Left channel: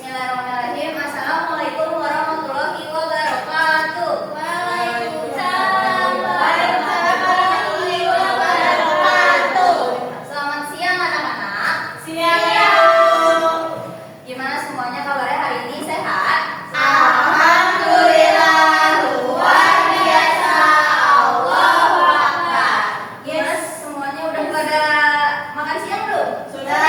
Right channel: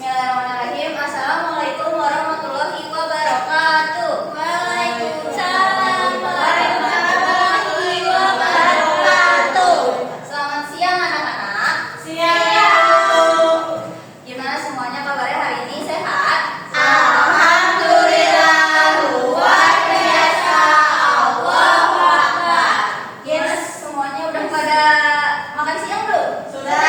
Bismillahirrahmanirrahim. Assalamualaikum warahmatullahi wabarakatuh. Waalaikumsalam warahmatullahi wabarakatuh. Selamat siang anak-anak. Siang. Gimana semuanya kabarnya hari ini, sehat? Alhamdulillah, luar biasa. Allahu Akbar. Yes, semuanya udah pada makan siang belum? Sudah.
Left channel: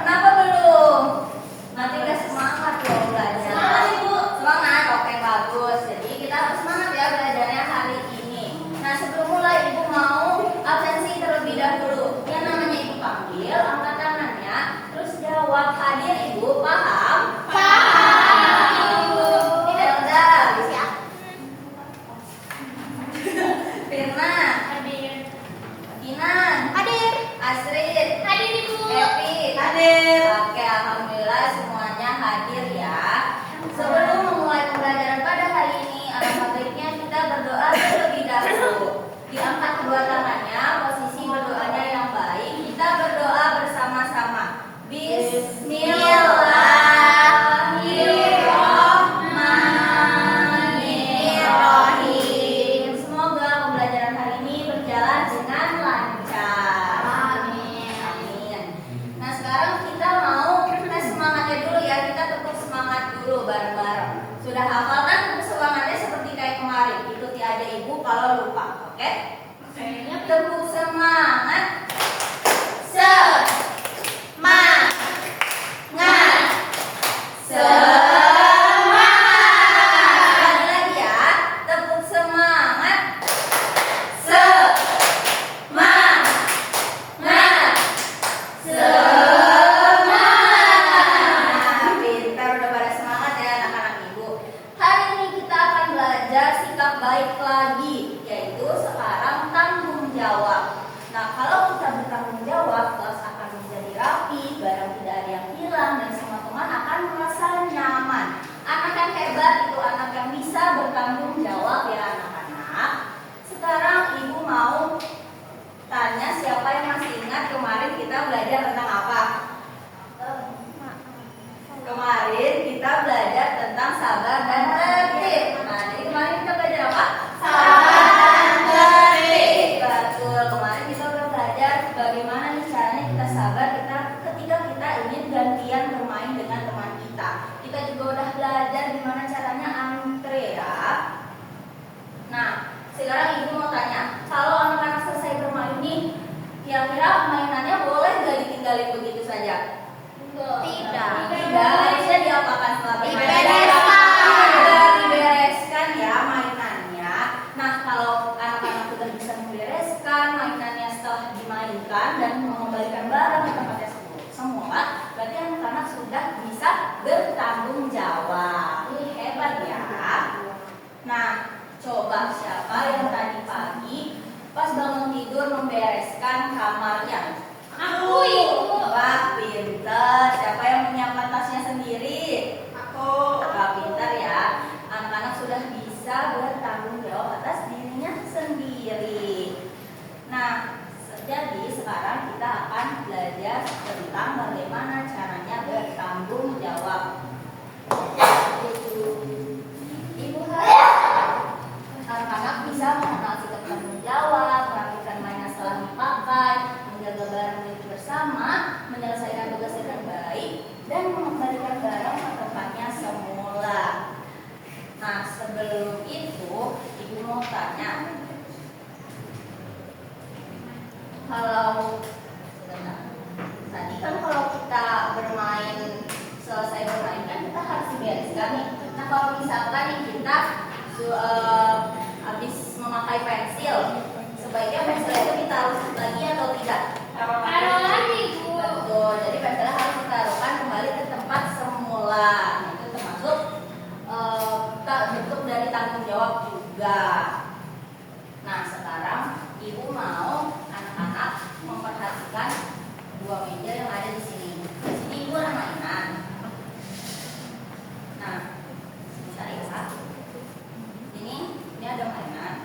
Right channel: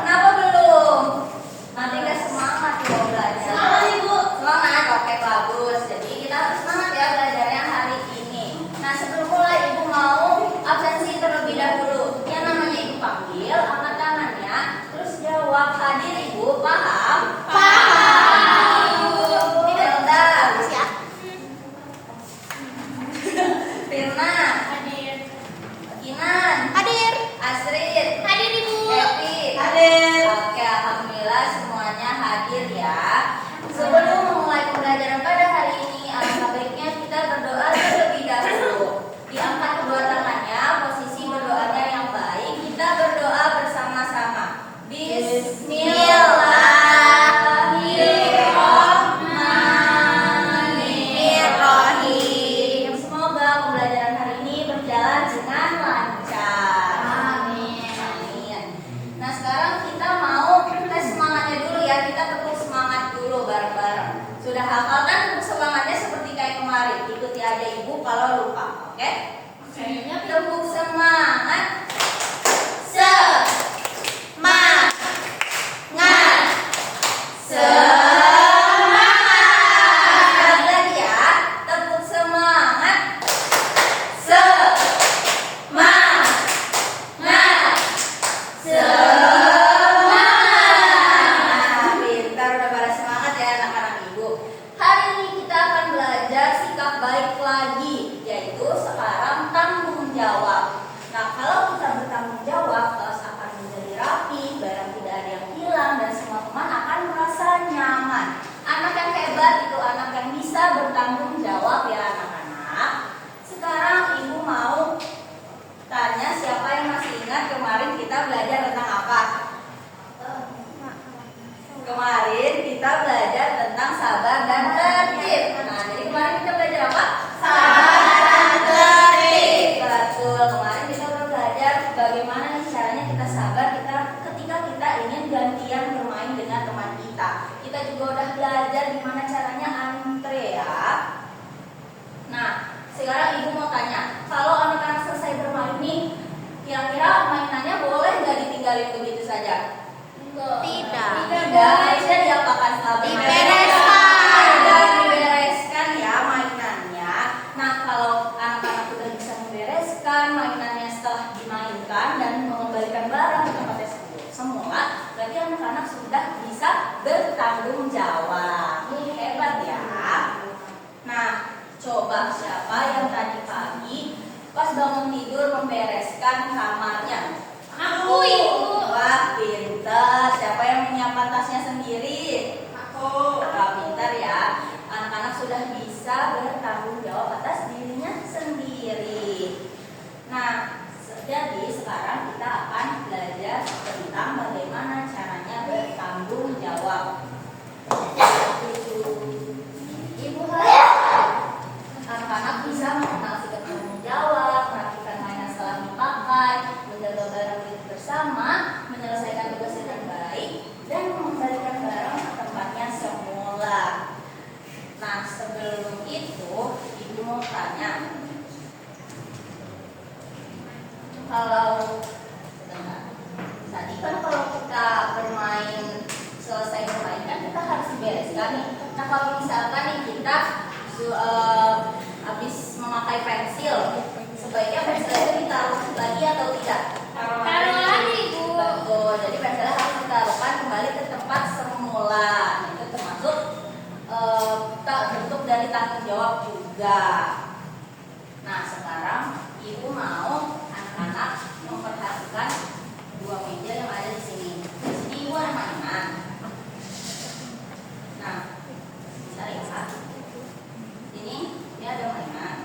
Kenapa belum? Nanti gak semangat loh belajar. Semangat, Ibu. Semangat, oke bagus. Jadi kita harus semangat ya belajarnya hari ini. Nah sebelum mulai Ibu mau absensi terlebih dahulu. Yang namanya Ibu panggil, angkat tangannya, terus jawab. Hadir Ibu, paham? Paham. Tidak udah. Siap. Firna, Hadir. Kinan, Hadir. Asrid, Hadir, Ibu. Epi. Hadir. Oke, alhamdulillah semuanya hadir ya. Sebelum memulai pembelajaran pada hari ini, alangkah baiknya kita berdoa terlebih dahulu. Diangkat kedua tangannya, posisi berdoanya yang baik. Kita berdoa bersama-sama. Bismillahirrahmanirrahim. Semoga pembelajaran hari ini berjalan dengan lancar. Amin. Amin. Nah sekarang kita mau tes semangatnya dulu ya. Kita tepuk semangat dulu bareng-bareng. Sudah hafal kan tepuk semangatnya seperti kayak kemarin. Ikuti aja Ibu kalau lupa. Oke? Kayaknya Tepuk semangat. semangat. Sekali lagi ya. Tepuk semangat. Semangat. Semangat. Pintar, udah pada semangat ya anak-anak Ibu. Hari ini kita akan belajar sikap baik lagi, yaitu sekarang tanggung jawab. Nah, kalau kita bertanggung jawab, kelas akan menjadi rapi, barang tidak ada yang hilang, dan semua teman akan merasa nyaman. Anak yang hebat itu anak yang bisa bertanggung jawab ya anak-anak. Sekarang Ibu mau tanya siapa yang masih ingat kemarin kita belajar tentang apa? Kemarin kita belajar tentang sabar dan tertib. Nah, jadi kemarin kita belajar apa? Sabar dan tertib. Betul. Kemarin kita udah belajar bagaimana nih caranya kita sabar ketika kita ingin gantian bermain dengan teman kita. Kita juga udah belajar gimana caranya antre ya. Nah, sekarang Ibu mau tanya, kalau anak-anak selesai bermain nih, kira-kira mainannya boleh nggak ditinggalin begitu saja? Tidak. Harusnya diapakan setelah bermain? Dibereskan. Dibereskan ya mainannya. Nah, kalau anak-anak sudah bisa membereskan mainannya setelah dimainkan dan mengembalikan barang ke tempatnya semula, berarti anak-anak sudah bisa bertanggung jawab. Ini hebat ya. Nah, coba siapa yang tadi pagi pas bangun tidur membereskan kamarnya? Aku, Ibu. Wah, pintar. Siapa yang menyiapkan tasnya sendiri? Aku. Wah, pintar ya. Anak-anak sudah bisa bertanggung jawab atas dirinya sendiri. Nah, jadi sekarang kita akan belajar tentang bagaimana caranya bertanggung jawab. Ibu harap anak-anak bisa mengenal sikap tanggung jawab, merapikan mainan setelah dipakai, menjaga barang milik bersama, menyelesaikan tugas dengan baik, dan mengembalikan barang ke tempatnya semula. Nah, sebelum itu, Ibu mau tanya, kalau tadi kan kalau kita bermain, selesai bermain kan kita harus dibereskan nih. Nah, kalau misalkan nih kita habis memakai pensil, sebaiknya pensil itu ditaruh lagi atau tidak? Taruh lagi, Bu. Betul. Jadi pensilnya harus ditaruhkan kembali ke tempat semula. Itu termasuk bentuk dari tanggung jawab juga. Nah, sekarang Ibu mau anak-anak memperhatikan dua meja yang ada di sini. Di sini Ibu ada mainan. Nah, bisa lihat. Ini ada mainan.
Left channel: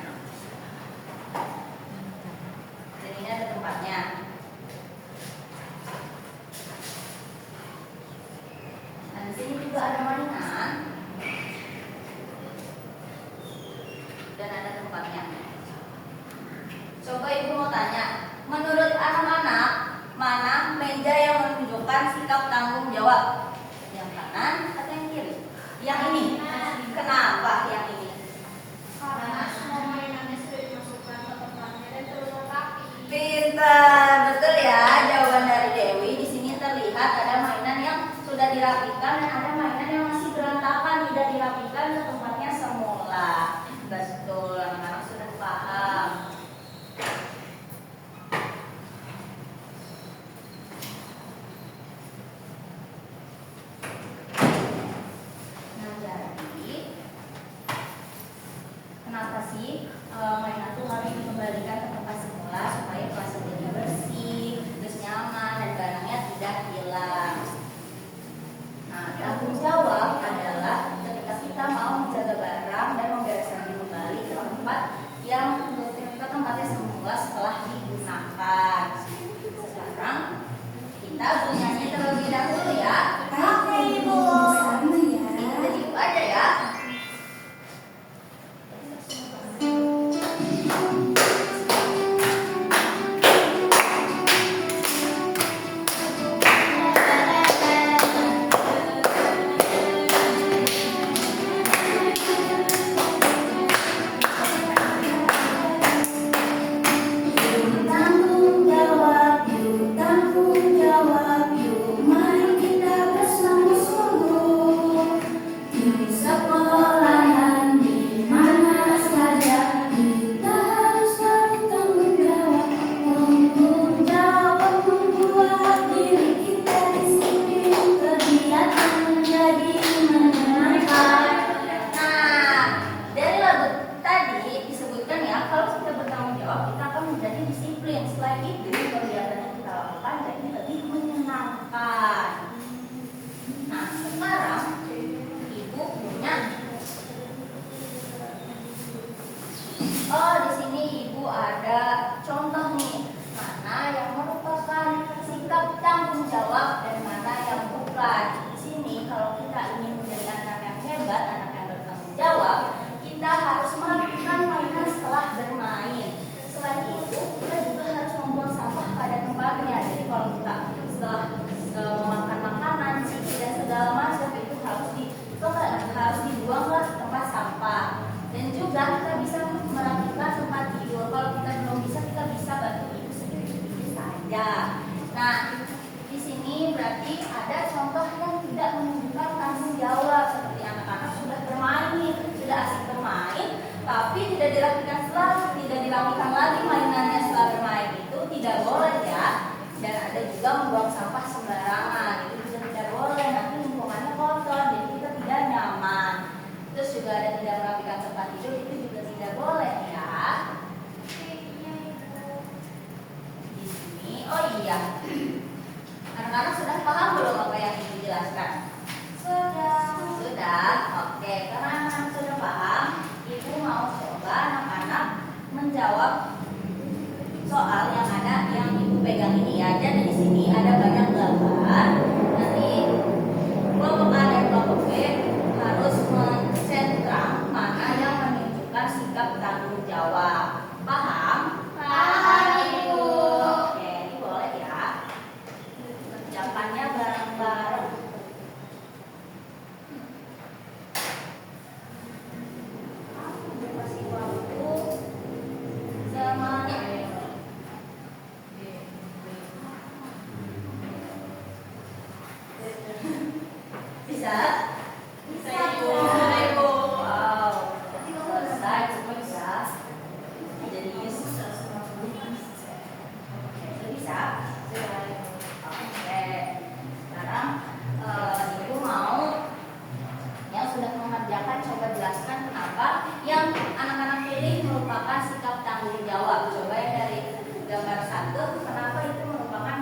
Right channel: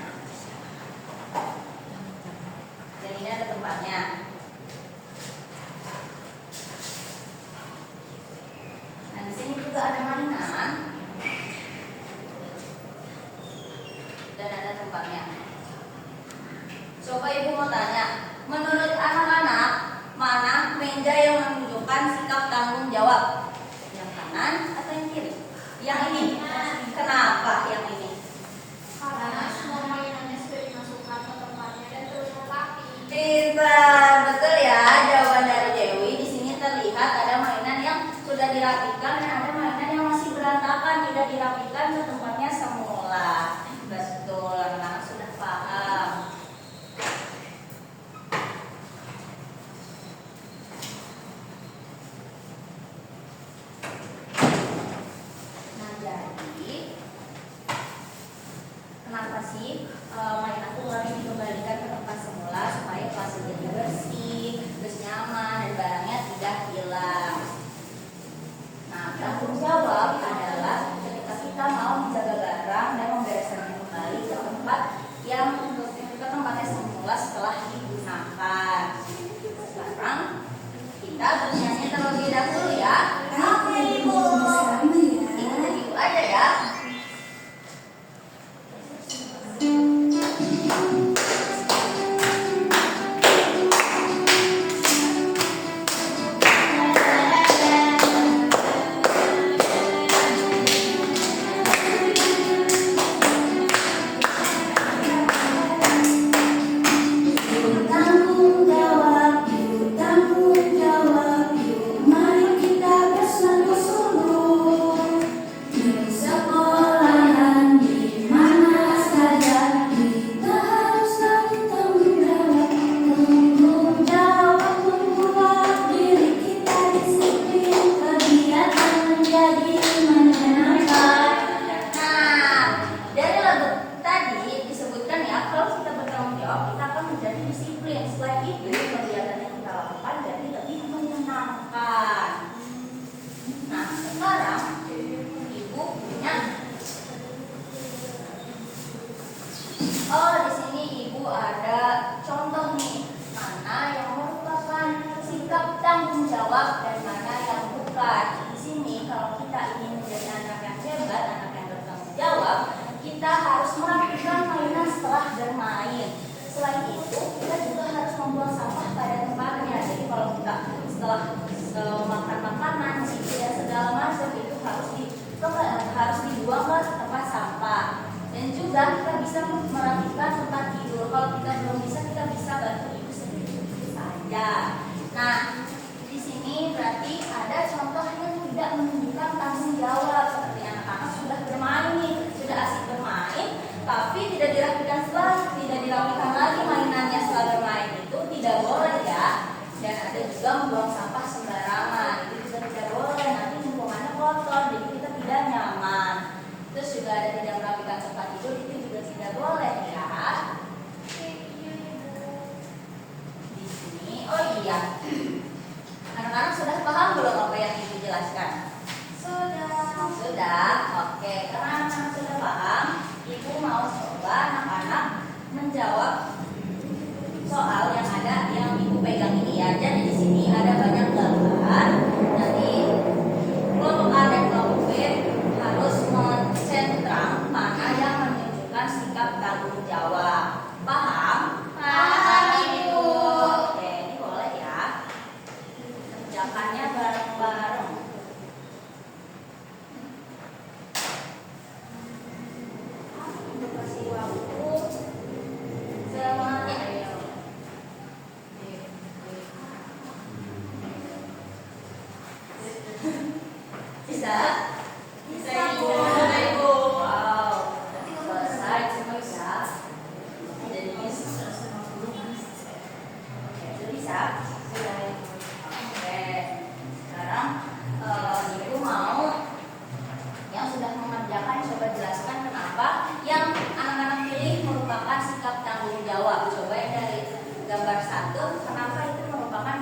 Dan ini ada tempatnya. juga ada mainan dan ada tempatnya. Coba ibu mau tanya, menurut anak-anak mana meja yang menunjukkan sikap tanggung jawab? Yang kanan atau yang kiri? Yang ini. Kenapa yang ini? Karena semua mainannya sudah dimasukkan ke tempatnya dan terus rapi. Pintar, betul ya jawaban dari Dewi. Di sini terlihat ada mainan yang sudah dirapikan dan ada mainan yang masih berantakan, tidak dirapikan ke tempatnya semula. Betul, anak-anak sudah paham. Nah, jadi kenapa sih mainan itu harus dikembalikan ke tempat semula supaya kelas jadi bersih, terus nyaman dan barangnya tidak hilang. Nah, tanggung jawab adalah ketika kita mau menjaga barang dan membereskannya kembali ke tempat yang ke tempatnya semula setelah digunakan. Sekarang kita bernyanyi terlebih dahulu ya. Oke ibu. Ini dari ibu aja ya. Tanggung jawab, yuk tanggung jawab, yuk mari kita bersungguh-sungguh. Di sekolahan di mana saja kita harus selalu tanggung jawab. Tanggung jawab membuat diri kita disiplin, kegiatan menjadi menyenangkan. Nah, dari lagu tadi disebutkan ya, kalau kita bertanggung jawab, kita akan menjadi disiplin. Selain itu, kegiatan yang kita lakukan jadi lebih menyenangkan. Nah, sekarang ibu punya. Oh, di sini ibu ada contoh nih, mana yang merupakan sikap tanggung jawab dan mana yang bukan. Di sini kalau kita ingin menjadi anak yang hebat, anak yang bertanggung jawab, kita harus melakukan mainan setelah bermain. Selain itu, kita juga harus membuang sampah pada tempatnya. Jadi kalau kita setelah makan makanan, ciki dan segala macam itu harus dibuang ke tempat sampah. Dan juga kita bisa merapikan tempat tidur. Kalau kita belum bisa, kita bisa bantu ibu sedikit saja. Nah, di sini berarti ada contoh yang tidak menunjukkan tanggung jawab, seperti anak-anak sudah bermain nih, sudah asik bermain, tapi tidak dirapikan lagi mainannya setelah bermain itu tidak boleh ya. Dan ada juga membuang sampah sembarangan, itu juga tidak boleh. Nanti lingkungannya kotor, jadi kita tidak nyaman. Terus juga ada tidak merapikan tempat tidur, itu juga tidak boleh ya. Di sini, oh iya, anak-anak sudah paham belum apa yang ibu jelaskan? Sudah, oke. Karena anak-anak sudah paham, ibu mau coba anak-anak menjawab soal yang ada yang ibu pegang ini ya. Jadi di sini ada banyak gambar dari kelompok A dan kelompok B harus mensentrang mana yang menunjukkan sikap tanggung jawab. Paham? Paham, Ibu. Oke, ini boleh ya. Kerjakannya bareng-bareng. Kasih waktu semuanya. Bisa? Bisa, Ibu. Ibu. Wow. Selesai semua bisa. Jadi sudah bisa. Oke. Sekarang ibu mau yang sudah mengerjakan coba jelaskan kenapa yang anak-anak pilih merupakan sikap tanggung jawab. Coba ya dari gambar 1, kenapa itu merupakan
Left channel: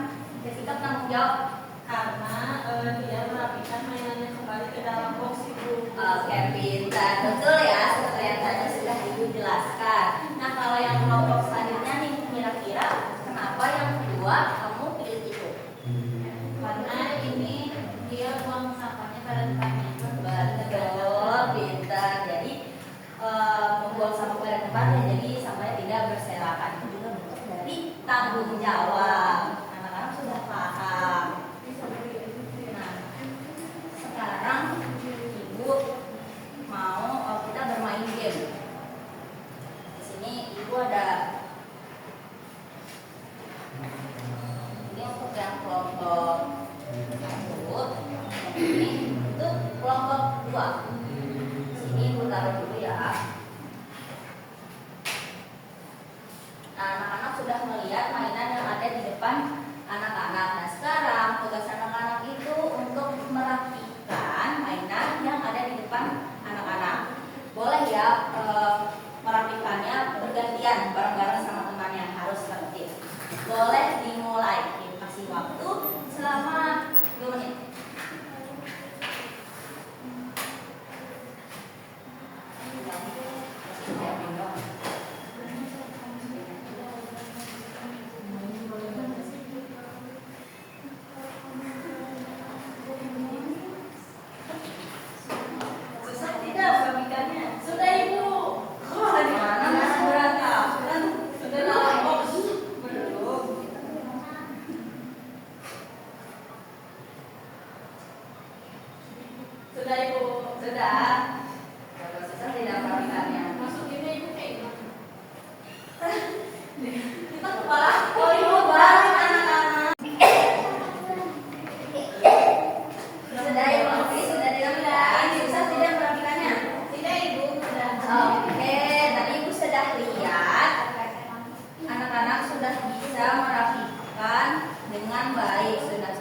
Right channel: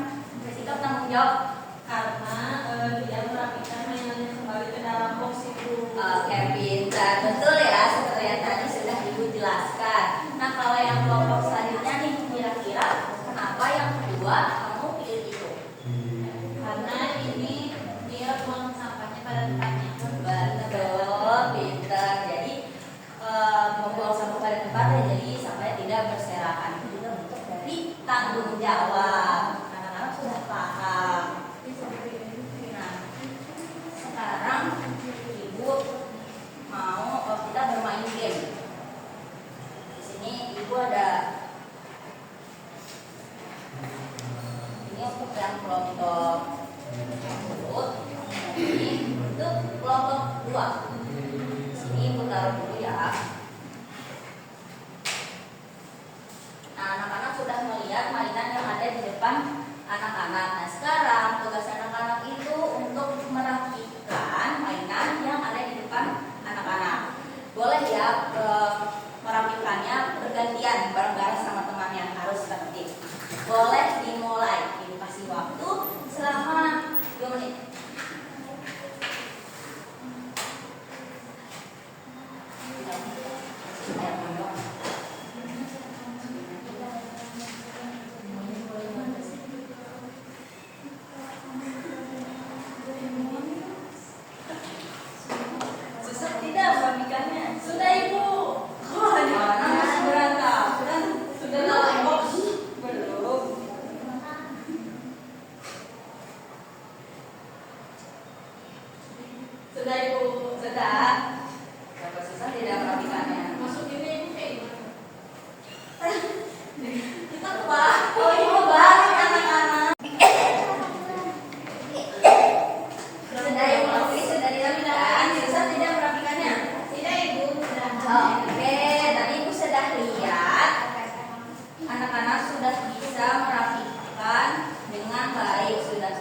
sikap tanggung jawab? Karena tidak merapikan mainannya kembali ke tanggung jawab. Anak-anak sudah paham. Nah, sekarang ibu mau kita bermain game. Di sini ibu ada ini untuk yang kelompok 1, ini untuk kelompok 2. Sini ibu taruh dulu ya. Nah, anak-anak sudah melihat mainan yang ada di depan anak-anak. Nah, sekarang tugas anak-anak itu untuk merapikan mainan yang ada di depan anak-anak. Boleh ya merapikannya bergantian bareng-bareng sama temannya, harus tertib. Boleh dimulai, dikasih waktu selama 2 menit. Susah tidak merapikannya? Sudah ibu. Mana masih berantakan? Kan sudah lama. Belum. Sudah ibu. Sudah. Bapak susah tidak merapikannya? Masukinnya ibu kayak gitu. Kita kepala. Oh ibu balik anak-anak. Sudah ibu. Sudah dilakukan. Susah tidak merapikannya? Tidak ibu, sudah. Oke, tadi ibu sudah lihat anak-anak sudah bisa merapikan dengan baik, sudah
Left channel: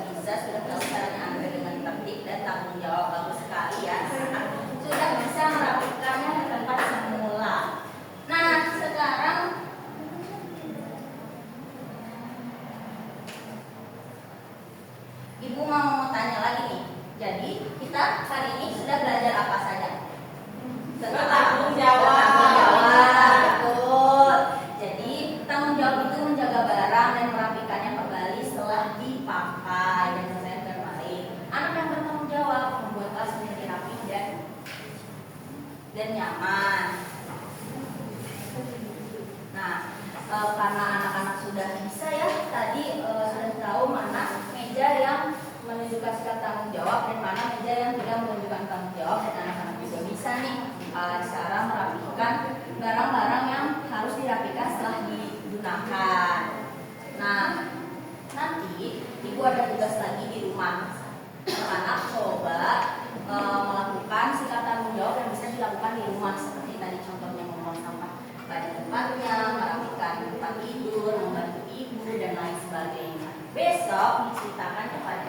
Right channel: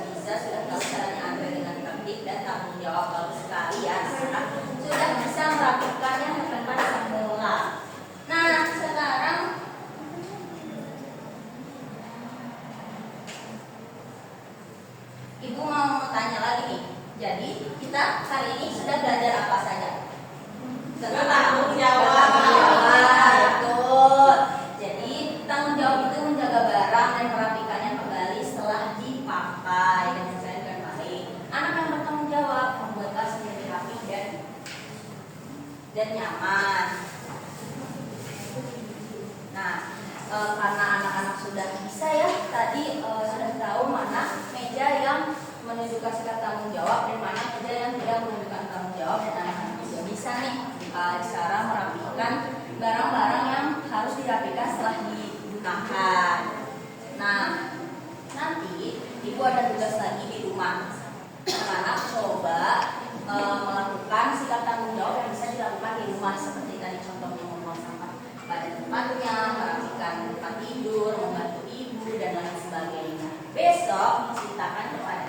tahu caranya ambil dengan tertib dan tanggung jawab. Bagus sekali ya, anak-anak sudah bisa merapikannya ke tempat semula. Nah, sekarang ibu mau tanya lagi nih. Jadi kita hari ini sudah belajar apa saja? Bertanggung jawab. Betul. Jadi tanggung jawab itu menjaga barang dan merapikannya kembali setelah dipakai dan selesai dengan baik. Anak yang bertanggung jawab membuat kelas menjadi rapi dan nyaman. Nah, karena anak-anak sudah bisa ya, tadi sudah tahu mana meja yang menunjukkan sikap tanggung jawab dan mana meja yang tidak menunjukkan tanggung jawab, dan anak-anak juga bisa nih cara merapikan barang-barang yang harus dirapikan setelah digunakan. Nah, nanti ibu ada tugas lagi di rumah. Anak-anak coba melakukan sikap tanggung jawab yang bisa dilakukan di rumah, seperti tadi contohnya membuang sampah pada tempatnya, merapikan tempat tidur, membantu ibu dan lain sebagainya. Besok diceritakan kepada